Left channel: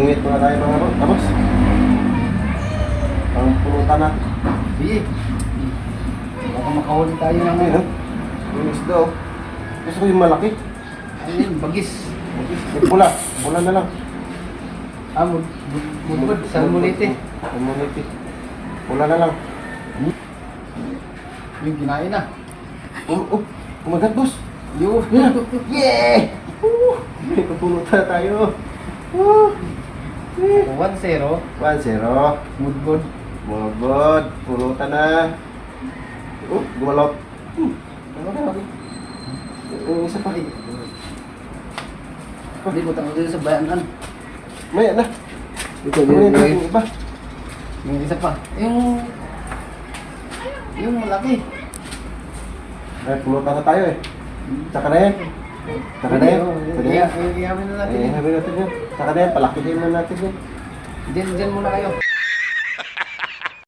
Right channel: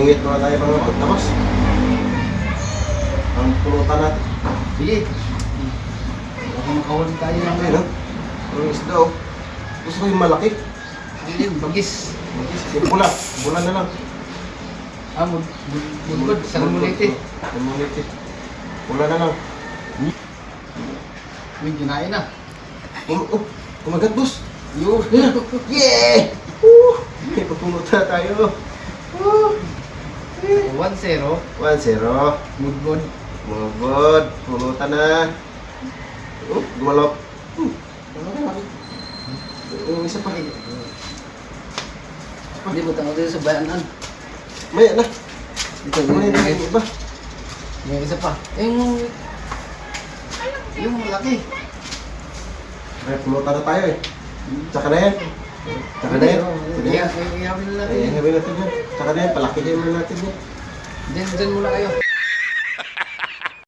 Mamimit muna tayo mga boss. Ang pulutan natin. Sige. Baka makahuli tayo ng Ayun, no? Yung isda, oh. Gusto ko yung malaki. Ayun, bagis. Yung pula. Pula na lang. Budbud, salmonite. Salmonite. Pula na lang. May ginain na. Oh, kumagat, boss. Yun. Yeah! May pupulutan tayo. 1-0. 1-0. Budbud. Mga bod, pulutan na. Gumalok. Yung isa pa. Hindi mo tanong dito sa bayanan. Maya na. Dito, Kunin dito. yung iba. Yung isa pa. Yung laki. Ay, pulutan na tayo eh. Tsaka na yan. Tsaka na yan. Pwede yan. Iyamin na natin. Ay, habi natin yan. Tsaka na yan, palakihin na natin yan. Diyan muna kayo.